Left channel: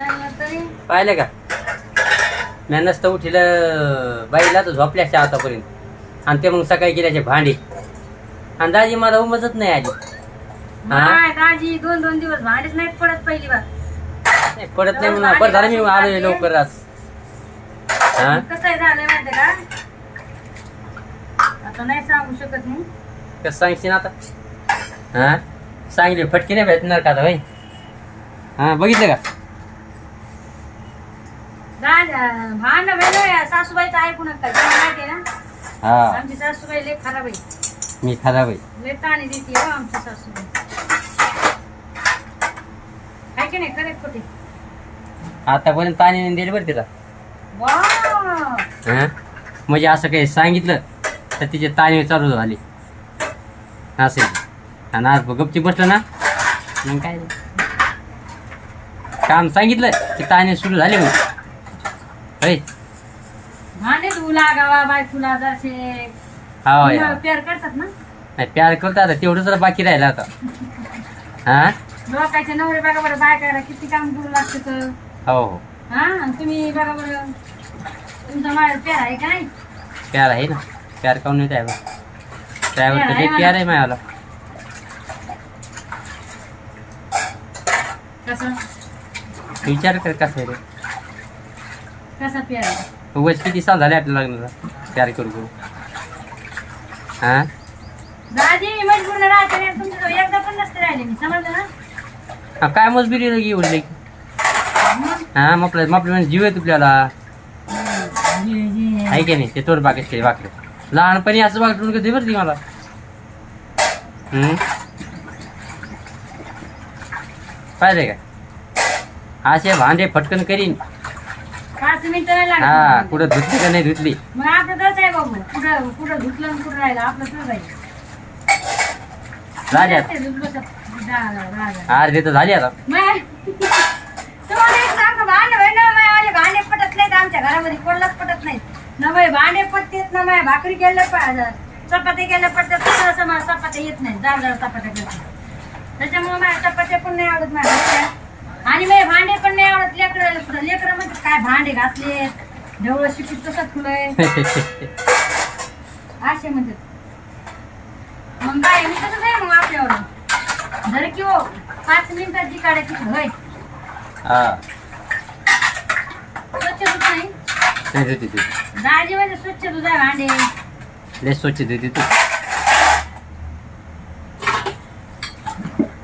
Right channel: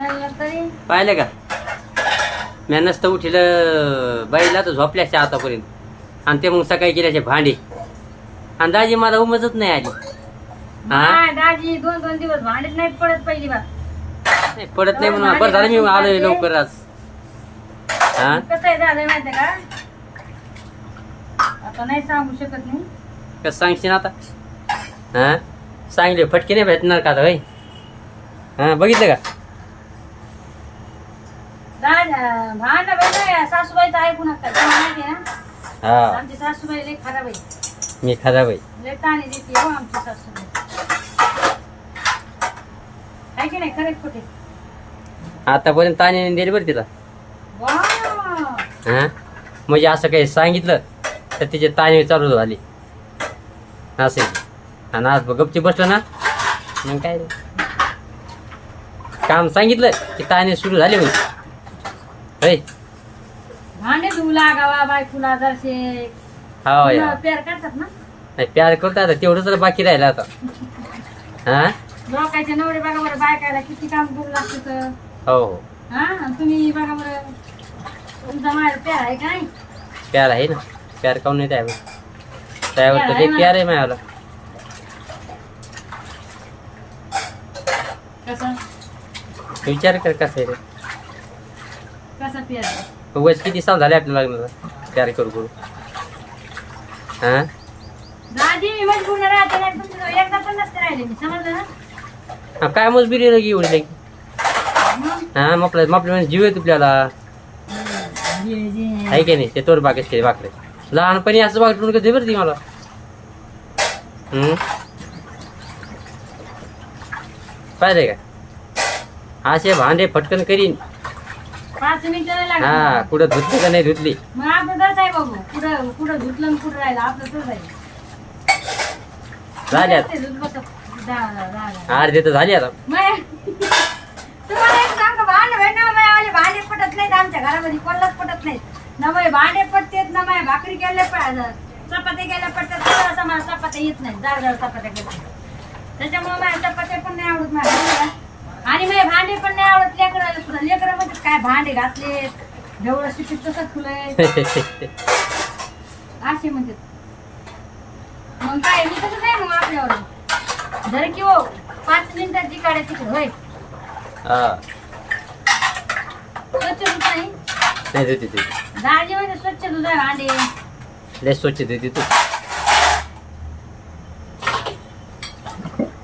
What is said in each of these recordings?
पाहिलं का? मी नसतं उठिलं बाईला तर झोपल्याच्या आतापर्यंत. आणि ते मग सकाळी गेल्याचे भांडे. आणि दाजी मला उमजत नाही आली हा? दाजी दोन दोन दिवस भांडीच नाहीत पडत पहिली बार नाही, पडत नाही म्हणून बरं झालं मी आलोय लवकर आज. हा? कसं आहे झालं माहिती का? आता नाही सांगू शकत मी. कसं सांगशील आता? हा? सांगले फटके नाही भेटणार का आता भाई हा बघितलं का? राज भांड वेळ सासूबाईचं ऐकू नका त्यांना माहिती आहे ना? हा. आमची सासूबाई लय खराब आहे. मी खराब आहे. लय ताणी देते हो आमची सासूबाई. आहे की नाही? खरे खोटे. आतापर्यंत ताणी दिली बरं तिला. वा. हा? म्हणजे असं काही सांगितलं तर तिचे ताणी चालू झाली. असे आणि आज गपची बसलं ना? मग काय रे. काम सांगितलं की ताणे सुरू झाले मग होय भांडे धुऊ लागावा बायकुला जरसे हा या पेर करतात ना? नाही प्यार करतो आता तेवढं तर बाकी राहिलं आता. हा? लोकांचे नवरे बघा बरं बायकायला किती काम करू लागते तर. हो हो. हा आणि तुम्ही बघा बरं तुमचा माझ्या पेर आहे का नाही? प्यार आहे ना. प्यार काऊन नाही त्यावर त्यावर तर प्यार आहे माझ्याला. कसं? विचार कर कसं आहे रे. कसा उगाच किती साल झाले आपल्या लग्नाला? प्यार करू करू. हा? दाजी मी मजबूर राहते नाही तुमच्या एकदा पण नसते राहिले. मी समजलं ना? हा, काय मजबुरी लगी एवढी लगी हा मग आपल्या म्हणजे जीव आहे तुपल्याला. आहे की नाही? ते तोड बागेच केले वाकडे लहानपणी असं वागटून कधी बरं ती मला? हम्म? पाहिजे का? असे भांडे फटकन करीन. पाच मिनिटं नाही हा लागत कुठं धुतली का नाही धुतली? मग आता तसं आहे बाबू कुठं कुठं धुतलं आणि कुठं राहिलं आपलं राहील झाली आता. ते धुत बसत. दा- दा- दा- अर्धे तर झाली आता. मग तुम्हाला एक सांग भांडे भाई ना माझे आले भांडे पटत नाहीत आमच्या घरामध्ये कोणालाच पटत नाहीत. ना माझे भांडे पटतेत ना माझ्या भाकरी केल्या प- चपात्या केल्या पटतात तसं असं मला चपात्या येत नाही जाड जाड चपात्या करते. त्याच्यामुळे माझ्या चपात्या पण नाही आवडत माझ्या. आणि माझे भांडे पण नाही आवडत लेकर. लेकर म्हणजे काय भांडे घातले ढवळं शिकत तसं फुलंय असे म्हणतात. मग काय मी तसं नाही मग आपल्यावर जर की हो पाच मिनिटात जी काढायची होय. हा. स्वच्छ धुत नाही? नाही धुती तू दाजी म्हणजे स्वच्छ धुत आहे भांडे. लय स्वच्छ धुती तू.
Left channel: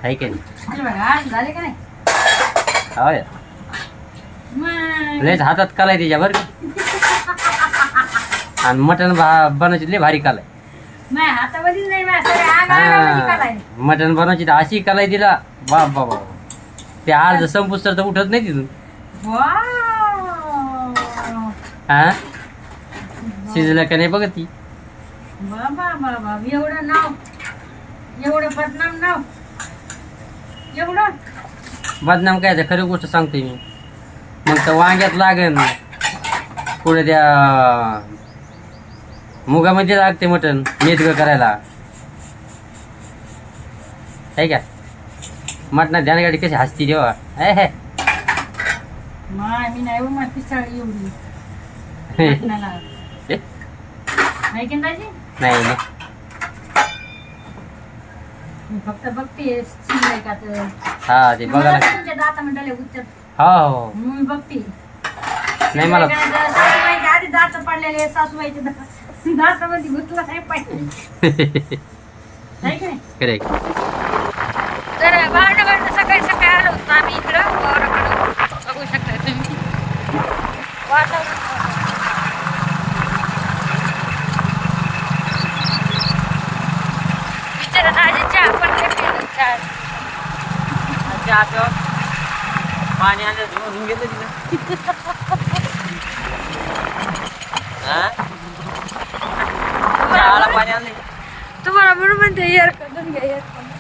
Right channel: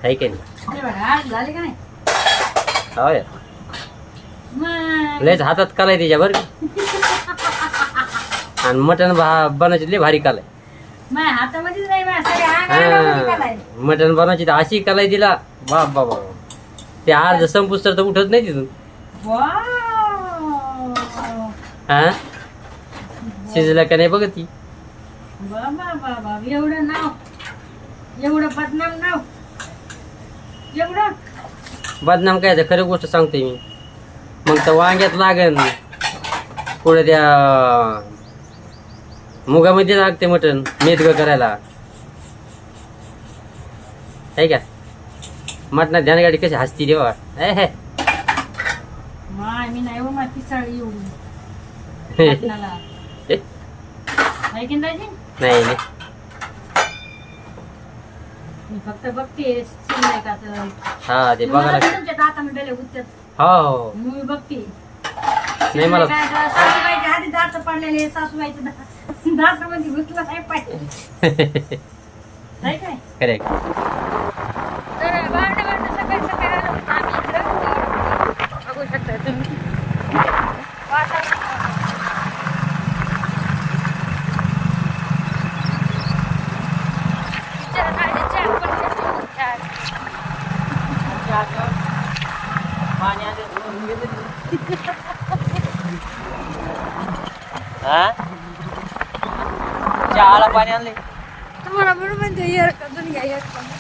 आहे की नाही? हे बघा आज झाले का नाही? हो लयच हातात कालाय त्याच्या बरं आणि मटण भा बनवायची लय भारी कालाय. हा. मटण बनवायची तर अशी कलाई दिला बाप बाप. ते अर्ध संपूस तर उठत नाही तिथून. हा? शिजलं का नाही बघत ती. बाबा बाबा एवढं नाव एवढं बदनाम नाव. एवढं. बदनाम काय आहे, खरं गोष्ट सांगतोय मी. मग तर वांग्यात लागन. पुढे त्या मुगामध्ये लागते मटण मेथग करायला. आहे का? मटणात ध्यानगाडी कशी हसती देवा हे मी एवढी? नाही नाही. मी फक्त बघते आहे का तर. हा ते बघा लागते. तुमच्या दाता मंडळे उठतात हो हो. मी बघते. नाही मला सासूबाईचे आधी दात पडलेले सासूबाईचे दात दातामध्ये गुतलं नाही पाहिजे. की नाही? तर भांडण भांडण सकाळी सकाळी आलो होतो आम्ही इकडं. वावराकडं बघू शकता तुम्ही. बिचारा दाजी चहा पण करते नाही चहा. पाणी आलं धुवून गेलं पाणी आणलं तुम्हाला म्हणून म्हणते एअर करून घ्या एअर पाऊस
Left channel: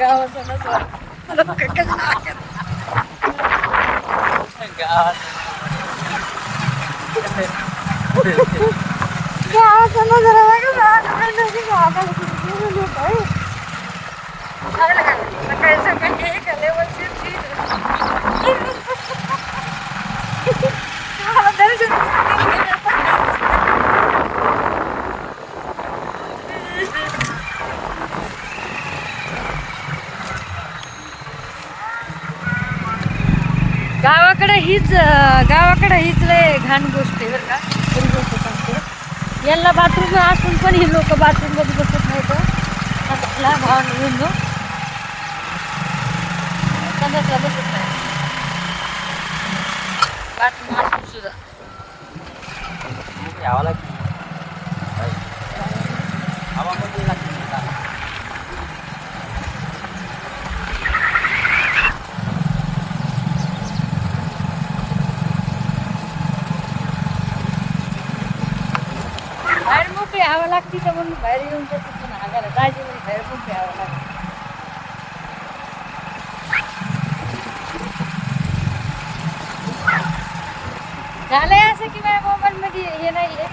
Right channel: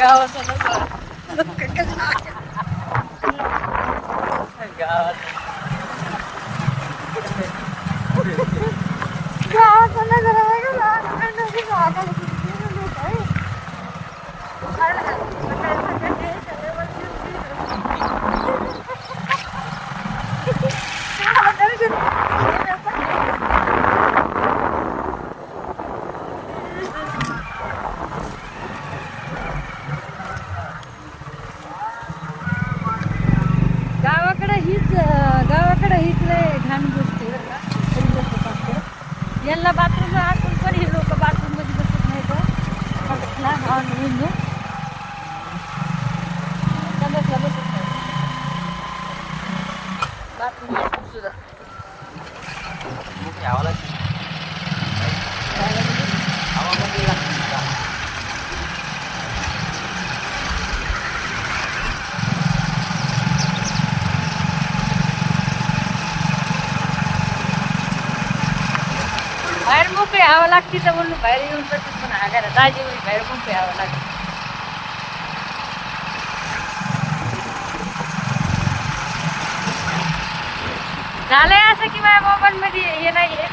kagawas na sa. Kakasinakit. Ang gaawat. Gaawat na dalawa ka. घाण गोष्ट आहे बरं का. गोष्ट सांगते. यांना बाथरूम असून पण हे लोक बाथरूम बघू बसत नाही तर भाव संडासला बसत नाही बाथरूम असून सुद्धा बाहेर लागते तर म्हणून बाहेर येऊन जातात पण हागायला दाजी म्हणे बाहेर मोकळी हवा लागतं. झालंय असं की माझ्या मोबाईलमध्ये हे नाही आहे.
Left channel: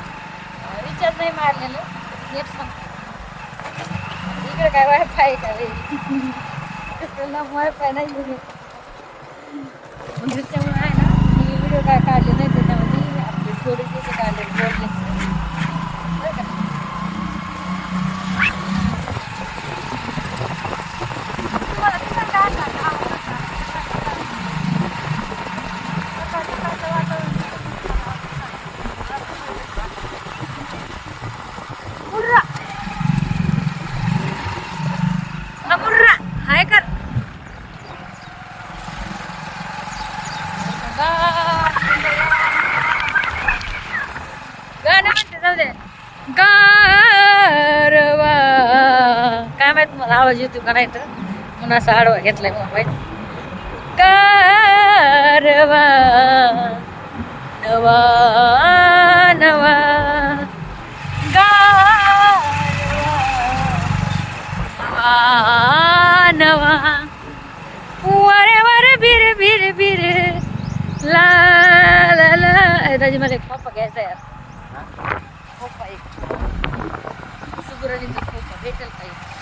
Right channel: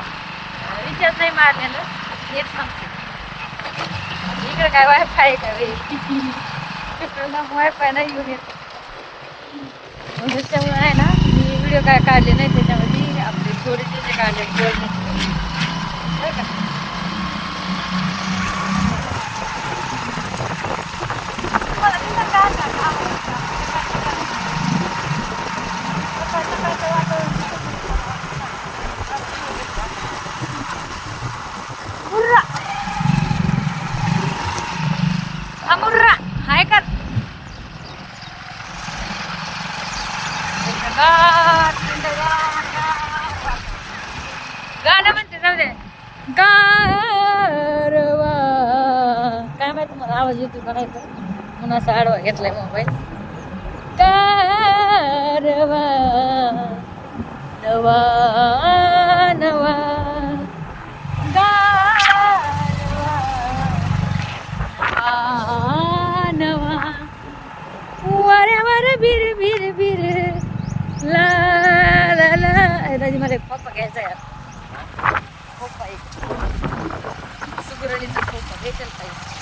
रिचार्ज नाही मारलेलं. नेट संपलं इकडं काय वायफाय का तिकडं वायफाय नाही घेऊन येत. मग त्याच्यामुळे आहे ना मी व्हिडिओ काय काढले नाही त्याच्यामध्ये. आपले थोडे जे जे काढले बोलण्याचे बरं का तुम्हाला दिसतं का? सकाळ सकाळचं वातावरण हुर्रा. हा मुर्रा हाय कर गाणं म्हणते जाऊ दे गारवा काय माहीत मला आवाज येतो का नाही तर म्हणून असा आडवा घेतलाय मोबाईल गारवा नवा नवा. गारवा नवा. वारे वारे बिर बिर बिर ला ला ला. ए, दाजी मला एक खोपा घ्यायचा यार खोपा एक. सुगरणीचा खोपा भेटेल पाहिजे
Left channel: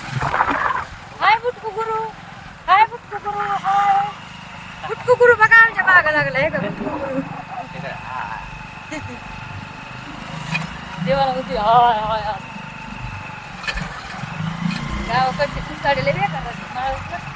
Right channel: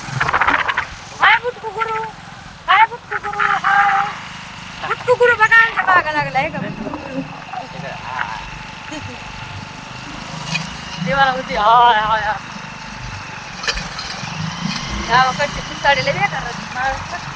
हाय बुटकू गुरु हाय बुटकू गुरु हाय बुटकू गुरु बघा आमच्या मागा लागला आहे का बुटकू गुरु देवाला होती हाय हाय हाय गावाकडचे कुंताडीले बेकार महाराष्ट्रात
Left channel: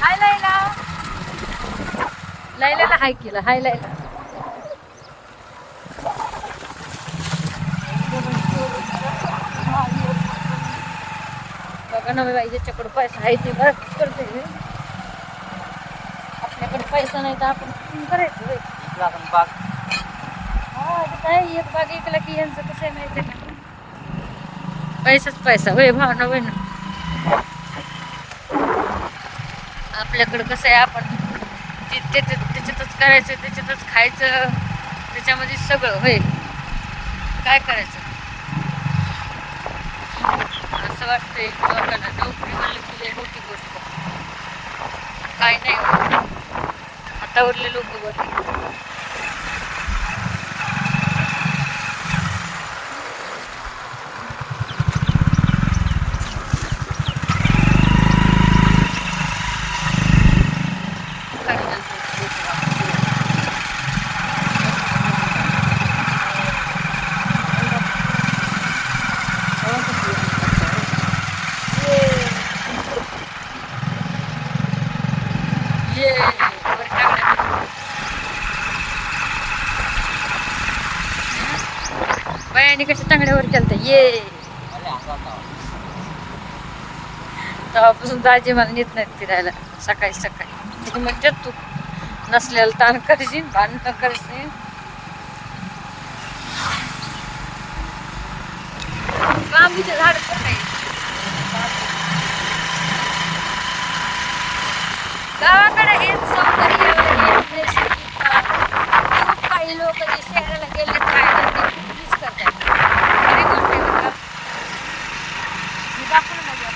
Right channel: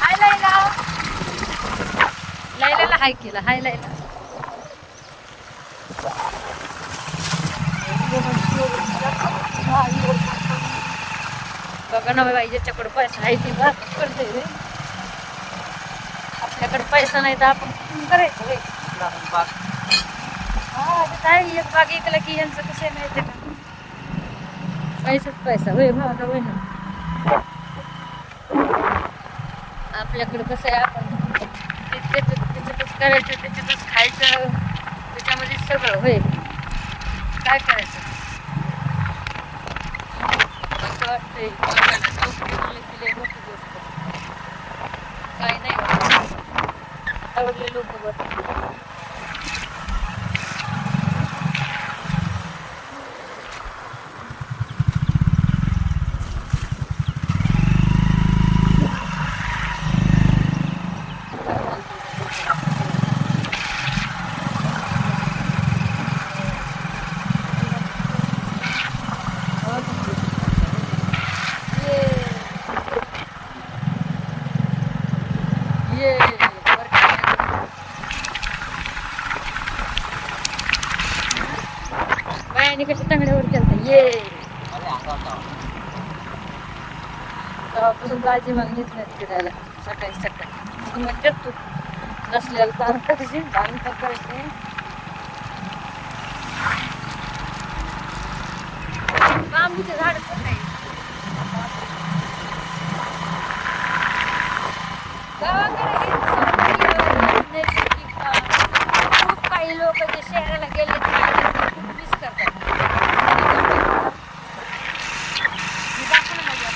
हाय लायला लायलाला हाय केला हाय लायला बघा ना बाई ज्याच्याकडे पैसा आहे ते बघ करते रे. आपल्याकडे पैसा नाही तर आपण करायचं होय हा काय एक बाग ऐकला की यांचं कसं आहे माहिती का? पैसाच पैसा होय भावना होय ना. आपल्याकडं कसं आहे आपण जे त्याच्यात त्याच्यातच करायचं त्याच्यातच खायचं त्याच्यामध्ये सगळं होय काय करायचं? असं वाटतंय. लोकांना नोकरी म्हणलं की लय मोठी गोष्ट. काय नाही. हातावरले लोक बघ बायाने कशा तांगड्यावर केलं ये. तेव्हापासून दाजी मला नेत नाहीत फिरायला. सकाळी सकाळी. तिथे म्हणतात तू नसल्याला ताण करशील भांडण करशील? बांबूचे झाड गावाकडे हेच सौंदर्य हेच नैसर्गिकता खूप काही लोक जे शहराला गेले खायला ते खूप मिस करतात खरी गोष्ट आहे बरं का? मी दाखवलं माझ्या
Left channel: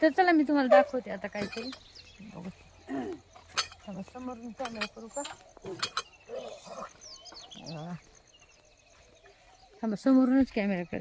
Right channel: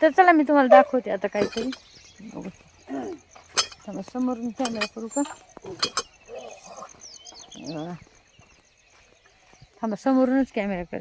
तर चला मी तुम्हाला दाखवते आता काहीतरी. चला समोरून कॅमेरा करू का? थांबा समोरूनच कॅमेरा कर